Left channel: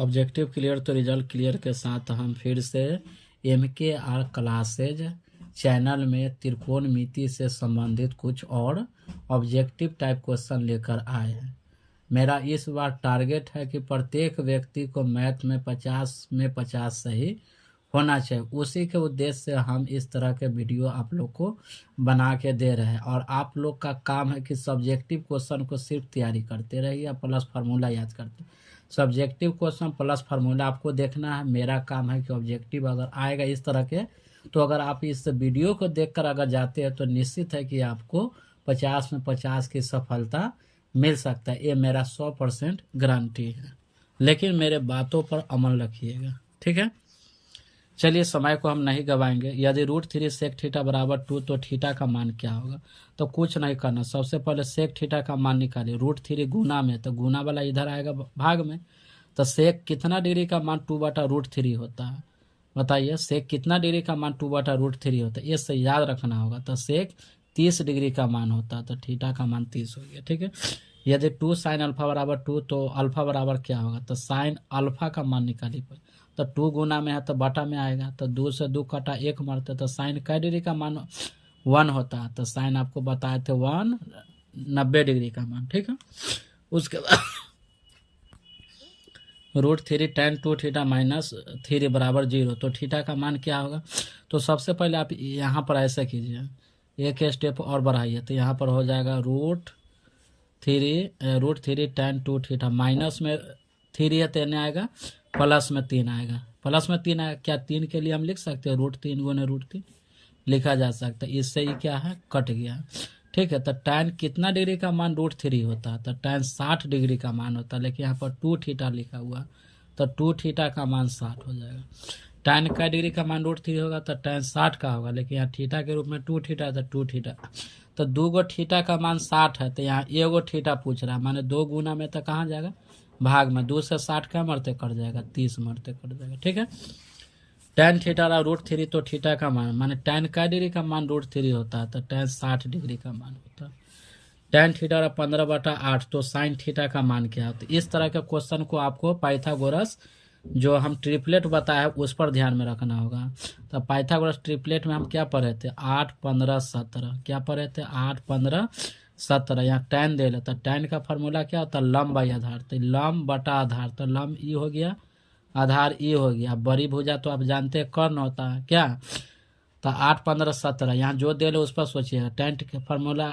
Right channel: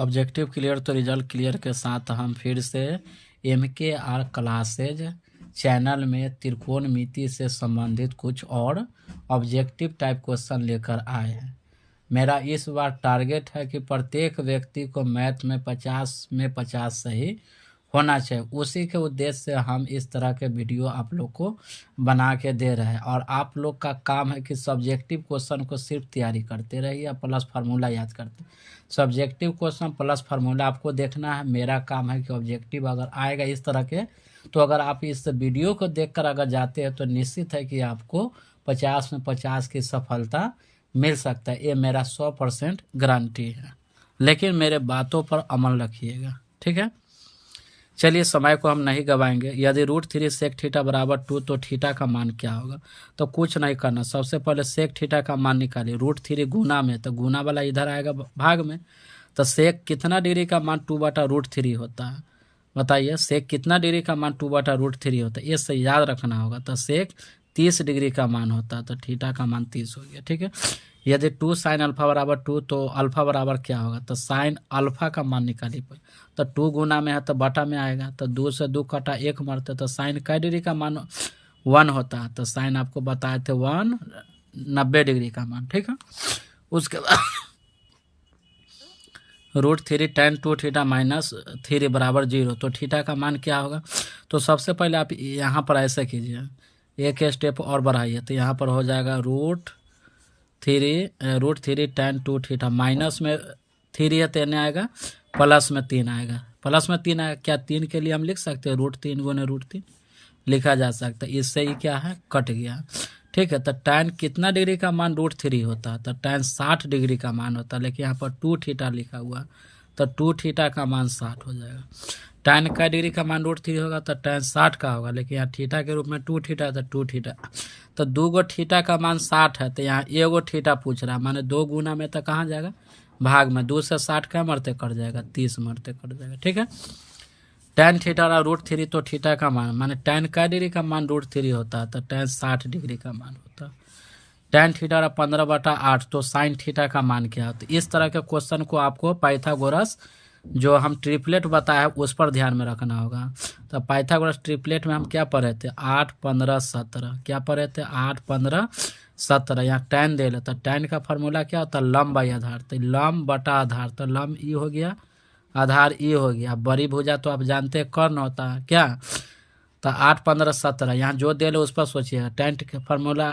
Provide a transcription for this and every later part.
Objective clear तो result clear के साथ हम फिर से MKR क्लासेज चैनल में त्रिकोणमिति से संबंधित कुछ और ऑब्जेक्टिव टाइप क्वेश्चन लेकर आए हैं। मेरा इस बार टारगेट है कि प्रत्येक व्यक्ति को मैथ में 50 में 50 सही होना चाहिए। उसी के उद्देश्य से हम इस तरह के वीडियो आप लोग को बना के दे रहे हैं और आप लोग का काम है कि सब्जेक्टिव क्वेश्चन को सिर्फ तैयारी करते रहिए प्लस फार्मूला याद करते। सब्जेक्टिव क्वेश्चन प्लस फार्मूला आपको देखना है। मेरा काम है कि ऑब्जेक्टिव अगर आएगा इस तरह के, तो अगर आप इस वीडियो को देखकर अगर जाते हैं तो निश्चित है कि आपको 50 में 50 की सफलता मिल सकता है। ये मेरा 100% गारंटी है, लेकिन मेरे बातों पर अमल रखिएगा, ठीक है। चलिए, समय को हम नहीं गवाएंगे। यदि √3 सेक थीटा बराबर 2 तो थीटा का मान क्या होगा? तो कुछ नहीं करना, सबसे पहले सेक थीटा का मान निकालिए। √3 गुना में, तो गुना वाला इधर आएगा भाग में। तो सेक कितना डिग्री का मान 2/√3 होता है? बताइए, सेक कितना डिग्री का मान 2/√3 होता है? ये सही याद रखना होगा। तो सेक 30 डिग्री का मान होता है, तो थीटा का मान 30 हो गया, ठीक है। यदि 2 sin अल्फा बराबर 2 तो अल्फा बराबर क्या होगा? तो साइन अल्फा का मान निकालिए। तो 2 गुना में है तो बटा में आएगा, तो 2 से 2 कटा 1 मरते, तो साइन कै डिग्री का मान 1 होता है? तो साइन आपको बताए थे 90 डिग्री का मान, ठीक है। उसके बाद √3 tan 2 थीटा माइनस 3 बराबर 0, तो थीटा का मान क्या होगा? तो सबसे पहले आप यहाँ पर ऐसे कीजिए, एक स्टेप और बढ़ाइए, तो यहाँ पर हो जाएगा √3 tan 2 थीटा माइनस में 3 है तो आएगा, प्लस में 3 आएगा। प्लस में 3 आएगा, क्या 3 के लिए हम लिख सकते हैं √3 गुने √3 लिखा जा सकता है। इससे ही क्या है, कट गया, ठीक है। तो tan कितना डिग्री का मान √3 होता है? तो tan 60 डिग्री का मान होता है, लेकिन यहाँ पर 2 थीटा लिखा हुआ, तो 2 थीटा का मान 60 हो जाएगा। tan का डिग्री का मान √3 होगा तो tan 60 का होगा, लेकिन यहाँ थीटा के रूप में 2 थीटा, तो 2 थीटा, तो 2 गो थीटा का मान 60 है, तो यहाँ 1 गो थीटा पूछ रहा है, माने 2 गुना में तो कहाँ जाएगा, भाग में। 2 से 60 क्या मरते कट जाएगा, 30 मरते कट जाएगा, ठीक है। tan थीटा और √3 तो थीटा का मान, माने tan का डिग्री का मान √3 होता है, तो tan 60 डिग्री का मान होता है। tan थीटा 15/8 तो साइन थीटा का मान क्या होता है? इस तरह के क्वेश्चन को आपको पाइथागोरस जो हम ट्रिपलेट बताया उस पर ध्यान में रखना होगा। तो पाइथागोरस ट्रिपलेट में हम क्या पढ़े थे? 8, 15, 17 क्या पढ़े थे? 8, 15, 17। यहाँ tan दे लेता, tan का फार्मूला क्या होता है? लंब बाई आधार, तो लंब बटा आधार, तो लंब ई हो गया, आधार ई हो गया। बड़ी भुजा तो आप जानते हैं कर्ण होता है क्या? तो 8, 15, 17 यहाँ जो दे लो उस पर सोचिएगा। tan का फार्मूला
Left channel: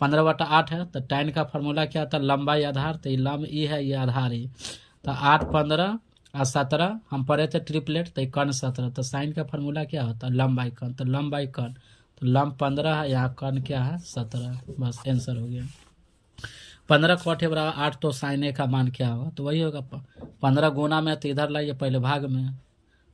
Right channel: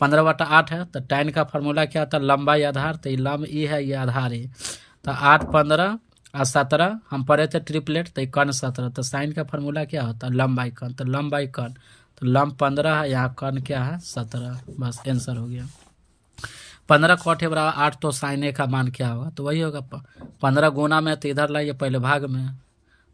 15/8 है, तो tan का फार्मूला क्या होता है? लंबाई आधार, तो ये लंब ई है, ये आधार ई। तो 8, 15 और 17 हम पढ़े थे ट्रिपलेट, तो कर्ण 17, तो साइन का फार्मूला क्या होता है? लंबाई कर्ण, तो लंबाई कर्ण, तो लंब 15 है, यहाँ कर्ण क्या है? 17। बस आंसर हो गया। 15 कोठे बराबर 8, तो साइन ए का मान क्या होगा? तो वही होगा 15 गुना में, तो इधर लाइए पहले भाग में,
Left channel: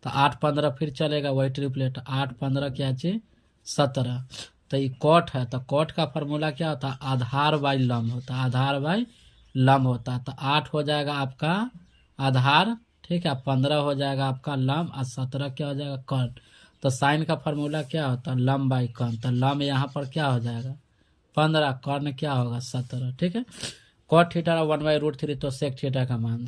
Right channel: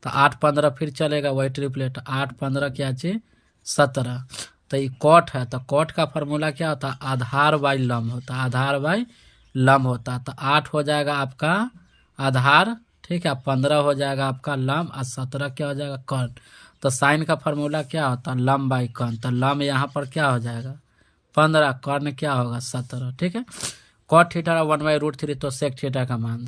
तो 8, 15 फिर चलेगा वही ट्रिपलेट। 8, 15 क्या चाहिए? 17। तो ये कॉट है, तो कॉट का फार्मूला क्या होता है? आधार बाई लंब होता है, आधार बाई लंब होता है। तो 8 हो जाएगा आपका आधार, ठीक है, 15 हो जाएगा आपका लंब और 17 क्या हो जाएगा? कर्ण। तो साइन का फार्मूला क्या होता है? लंब बाई कर्ण, तो लंब यहाँ पर क्या हो जाएगा? 15, कर्ण क्या होगा? 17, ठीक है। कॉट थीटा 1/√3 तो सेक थीटा का मान।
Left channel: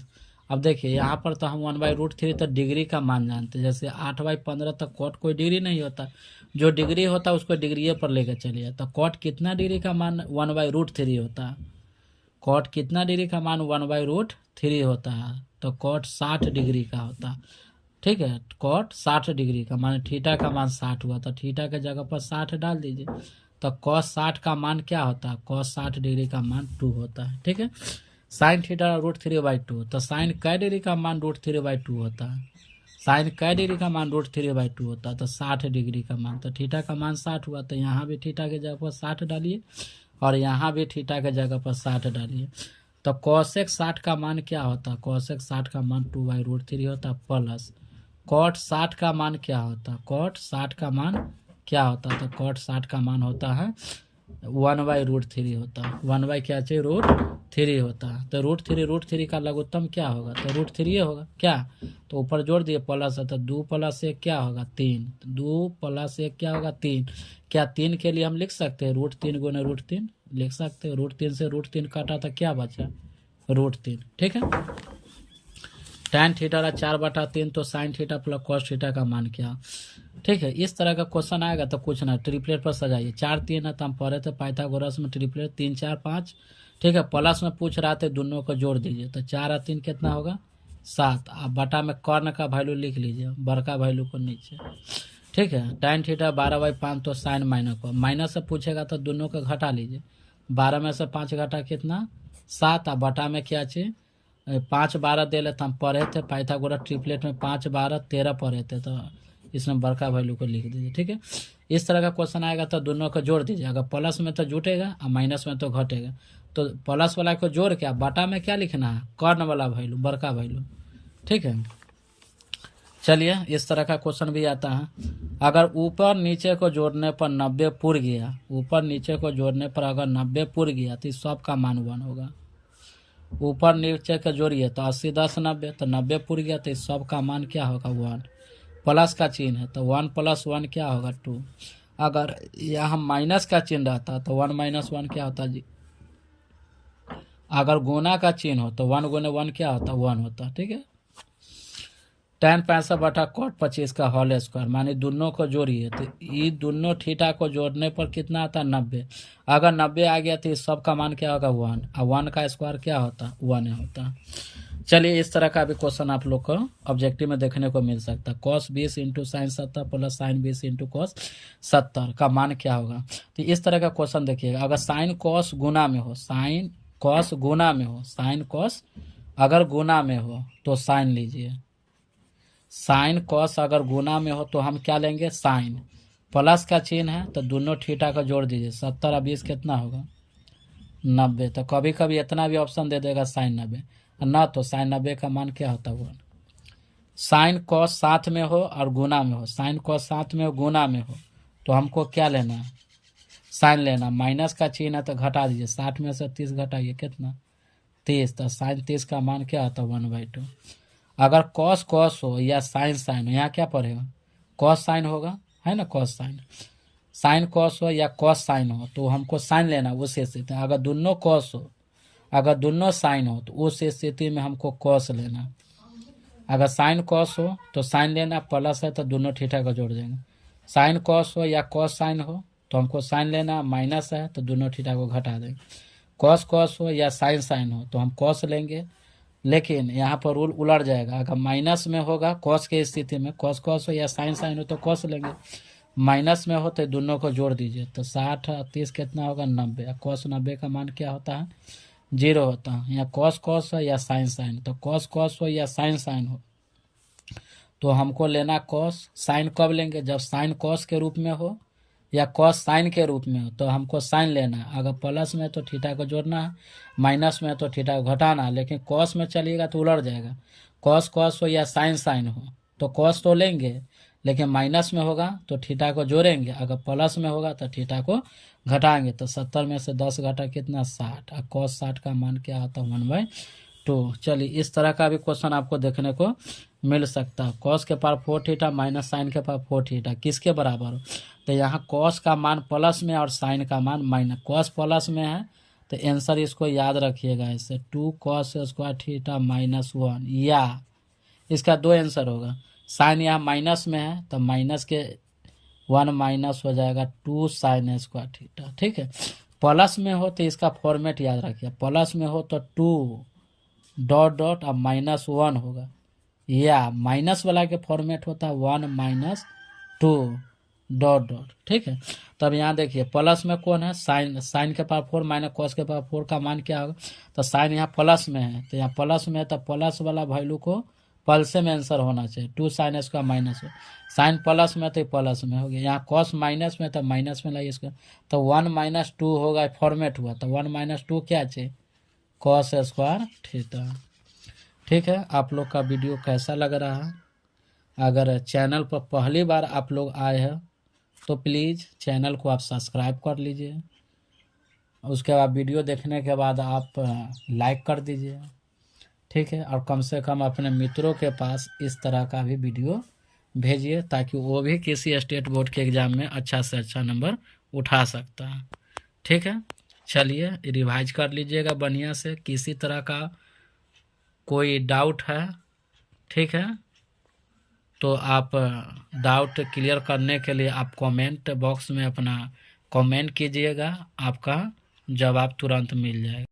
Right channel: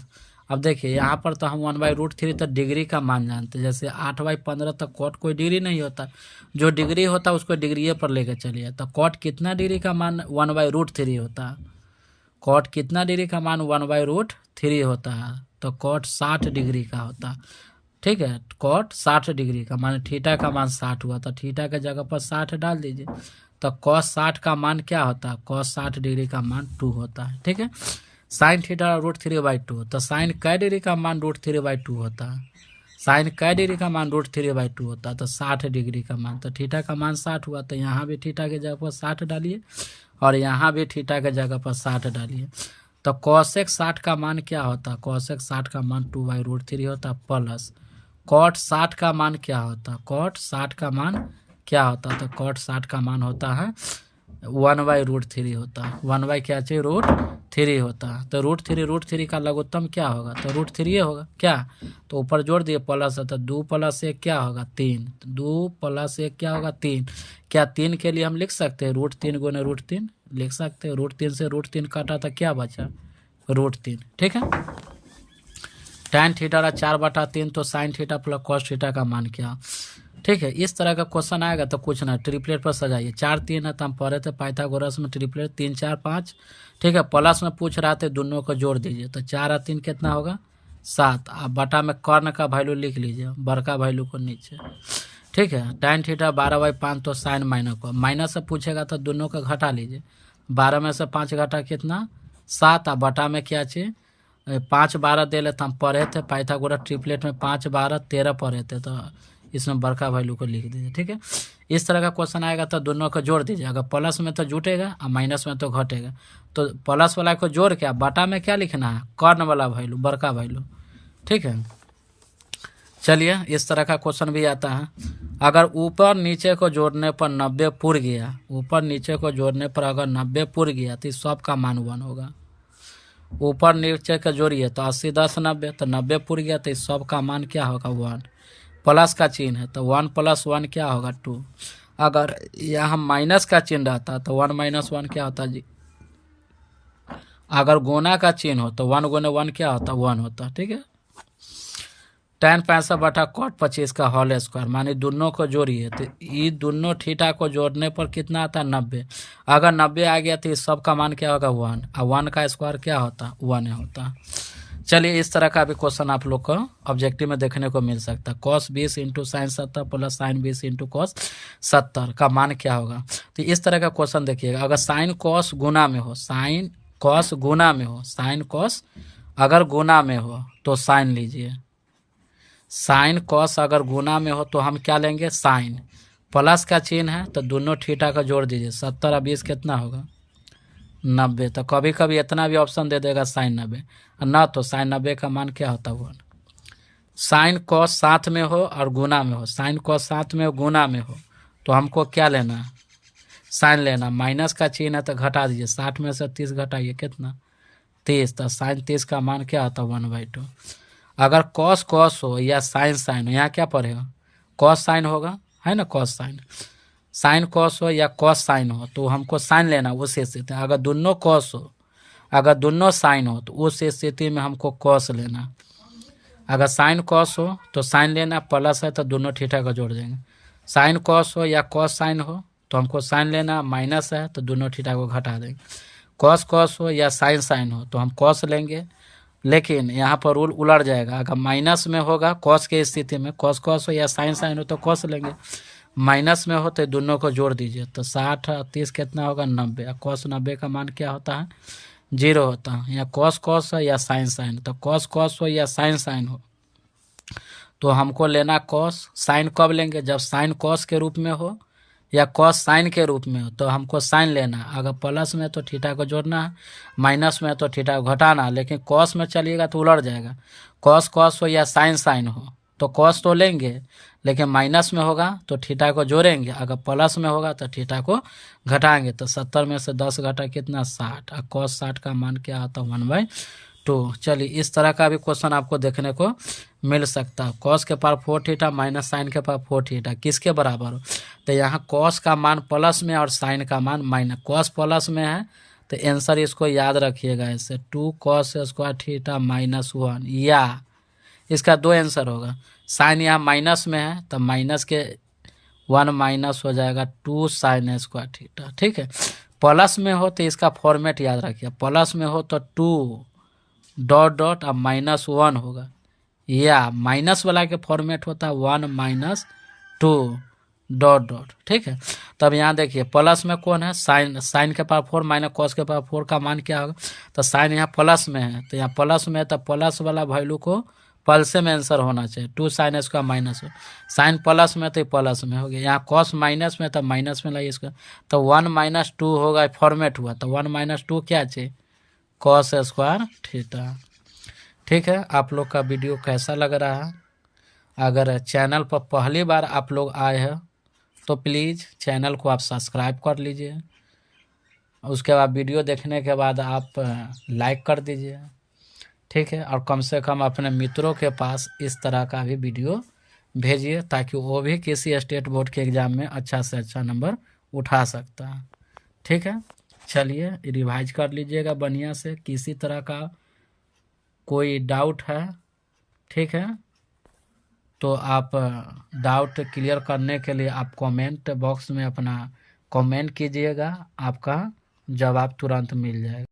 अब देखिए यहाँ पर तो हम 1/√3 तो डिग्री का मान जानते हैं, जैसे 8/15 तक कॉट कोई डिग्री नहीं होता, जो डिग्री होता है उसको डिग्री पर लेकर चलिए। तो कॉट कितना डिग्री का मान 1/√3 होता है? कॉट कितना डिग्री का मान 1/√3 होता है? तो कॉट 60 डिग्री का होता है, ठीक है। कॉट 60 डिग्री का मान, थीटा का मान 60 हुआ, तो थीटा के जगह पर 60 डाल दीजिए। तो cos 60 का मान क्या होता है? cos 60 डिग्री का मान 2 होता है, ठीक है। साइन थीटा √3/2, तो साइन कै डिग्री का मान √3/2 होता है? साइन कै डिग्री का मान √3/2 होता है? तो 60 डिग्री का मान, तो थीटा का मान 60 हुआ, तो यहाँ भी थीटा के जगह पर 60 डालिए और यहाँ भी थीटा के जगह पर 60 डालिए। तो cosec 60 का मान क्या होता है? cosec 60 का मान 2/√3 होता है, प्लस cot 60 का मान क्या होता है? cot 60 का मान क्या होता है? तो cot 60 का मान होता है 1/√3 होता है। 1 क्या चाहिए? √3 होता है। तो √3 का लघुत्तम क्या होगा? तो √3 होगा क्या? तो ऊपर जोड़ दिए प्लस है, तो 2 + 1 क्या होगा? 3। 2 + 1 क्या होगा? 3। क्या 3 के लिए हम लिख सकते हैं √3 गुने √3 लिख सकते हैं। √3 से √3 काटा था, क्या बचा? √3, ठीक है। tan थीटा रहा 4/3 तो sin theta plus cos theta का मान क्या। ठीक है, इस तरह का क्वेश्चन आएगा तो कुछ ना ट्रिपलेट पर सजाइए। 4 3 है तो हम पढ़े थे पाइथागोरस में ट्रिपलेट 3 4 5। ठीक है, प्लस में पूछ रहा था दोनों को जोड़ दीजिए तो 4 और 3 कितना होगा 7। आप बटा में कर्ण का वैल्यू लिख लीजिए, बड़का वैल्यू को नीचे। ठीक है, tan थीटा 12/5 तो साइन माइनस से पूछेगा तो दोनों का घटा लीजिए। 12 में से 5 घटा कितना 7। और बटा में क्या चाहिए 5 12 दे लेते हम पढ़े थे पाइथागोरस ट्रिपलेट में 5 12 13 पढ़े थे तो इसमें बड़का वैल्यू को लिख दीजिए। ठीक है, इस तरह का क्वेश्चन आएगा तो दोनों को जोड़ दीजिए। अगर प्लस में तो जुटेगा और माइनस में तो घटेगा। तो प्लस वाला को जोड़ के बटा में क्या लिखना है कर्ण वाला वैल्यू बड़का वैल्यू। ठीक है, चलिए इस तरह का क्वेश्चन भी आता है। अगर ऊपर नीचे को जोड़ने पर 90 पुर गया, ऊपर नीचे को जोड़ने पर अगर 90 पुर गया तो सब का मान 1 होगा। ऊपर नीचे का जोड़िए तो 80 10 90 तो 90 पुर गया तो सब का मान क्या होगा 1। प्लस का चिन्ह है तो 1 + 1 क्या होगा 2। अगर यहाँ माइनस का चिन्ह रहता तो 1 - 1 क्या होता जी। अगर गुना का चिन्ह हो तो 1 × 1 क्या होता 1 होता। ठीक है, tan 65/cot 25 का होल स्क्वायर माने दोनों को जोड़िए तो ये दोनों थीटा को जोड़ने पर कितना आता है 90। अगर 90 आ गया तो इस सब का मान क्या होगा 1 और 1 का स्क्वायर क्या होता 1 होता। चलिए इस तरह का भी क्वेश्चन आप लोग को ऑब्जेक्टिव में देखने को मिल सकता है। cos 20 × sin 70 plus sin 20 × cos 70 का मान क्या होगा। तो इस तरह का क्वेश्चन देखिएगा। अगर sin cos गुना में हो, sin cos गुना में हो, sin cos अगर गुना में हो तो sin लीजिए। sin cos अगर गुना में हो तो हम क्या लेंगे sin। प्लस का चिन्ह है तो दोनों थीटा का जोड़ दीजिए। 70 और 20 कितना होगा 90। तो कभी कभी इतना भी ऑप्शन दे देगा sin 90 ना तो sin 90 का मान क्या होता है 1। sin cos साथ में हो और गुना में हो, sin cos साथ में हो गुना में हो तो हमको क्या लेना है sin लेना। माइनस का चिन्ह है तो घटा दीजिए। 60 में से 30 घटाइए कितना 30 तो sin 30 का मान क्या होता है 1/2। अगर cos cos हो या sin हो, यहाँ क्या पढ़ेगा cos sin होगा है ना cos sin। sin cos हो या cos sin हो तो हमको sin लेना उस स्थिति में। अगर दोनों cos हो अगर दोनों sin हो तो उस स्थिति में हमको cos लेना। अगर sin cos हो तो sin लेना, प्लस है तो दोनों थीटा का जोड़ देंगे। sin cos हो या cos sin हो तो हमको sin लेना, माइनस है तो दोनों थीटा को घटा देंगे। cos cos हो या sin हो तो हम cos लेंगे, लेकिन यहाँ पर रूल उलट जाएगा। अगर माइनस में होगा cos के स्थिति में cos cos हो या sin हो तो cos लेंगे, माइनस में हो तो दोनों को जोड़ दीजिए तो 60 और 30 कितना होगा 90। cos 90 का मान क्या होता है 0 होता है। यहाँ cos cos हो या sin तो cos cos हो या sin हो तो हमको लेना cos। sin कब लेंगे जब sin cos के रूप में हो या cos sin के रूप में हो तो हमको sin लेना। अगर प्लस में तो थीटा को जोड़ना है, माइनस में तो थीटा को घटाना। लेकिन cos में चलिएगा तो उलट जाएगा। cos cos हो या sin हो तो cos तो लेंगे, लेकिन माइनस में होगा तो थीटा को जोड़ेंगे। अगर प्लस में होगा तो थीटा को घटाएंगे। तो 70 में से 10 घटा कितना 60 और cos 60 का मान क्या आता है 1/2। चलिए इस तरह का भी क्वेश्चन आपको देखने को मिल सकता है। cos के पावर 4 थीटा माइनस sin के पावर 4 थीटा किसके बराबर हो। तो यहाँ cos का मान प्लस में और sin का मान माइनस। cos प्लस में है तो आंसर इसको याद रखिएगा ऐसे 2 cos स्क्वायर थीटा -1 या इसका 2 आंसर होगा। sin यहाँ माइनस में है तो माइनस के 1 माइनस हो जाएगा 2 sin स्क्वायर थीटा। ठीक है, प्लस में हो तो इसका फॉर्मेट याद रखिए। प्लस में हो तो 2 डॉट डॉट और -1 होगा, या माइनस वाला के फॉर्मेट होता है 1 - 2 डॉट डॉट। ठीक है, तब यहाँ देखिए प्लस में कौन है sin के पावर 4 माइनस cos के पावर 4 का मान क्या होगा। तो sin यहाँ प्लस में है तो यहाँ प्लस में है तो प्लस वाला वैल्यू को प्लस में आंसर होना चाहिए। 2 sin इसका माइनस हो, sin प्लस में तो प्लस में हो गया। यहाँ cos माइनस में तो माइनस में लाइए इसका तो 1 - 2 होगा फॉर्मेट हुआ तो 1 - 2 क्या चाहिए cos स्क्वायर थीटा। ठीक है, आप लोग का वीडियो कैसा लग रहा है। अगर चैनल पर पहली बार आप लोग आए हैं तो प्लीज़ चैनल को आप सब्सक्राइब कर लीजिए। उसके बाद वीडियो देखने के बाद आप लाइक कर दीजिए। ठीक है, और कम से कम अपने मित्रों के पास इस तरह का भी वीडियो भेजिए ताकि वो भी किसी स्टेट बोर्ड के एग्ज़ाम में अच्छा से अच्छा नंबर उठा सकता है। ठीक है, चलिए रिवाइज कर लीजिएगा बढ़िया से। किसी तरह का कोई डाउट है ठीक है। तो आप डाउट क्लियर करने के लिए आप कमेंट बॉक्स में अपना कमेंट कीजिएगा, आपका जवाब तुरंत मिल जाएगा।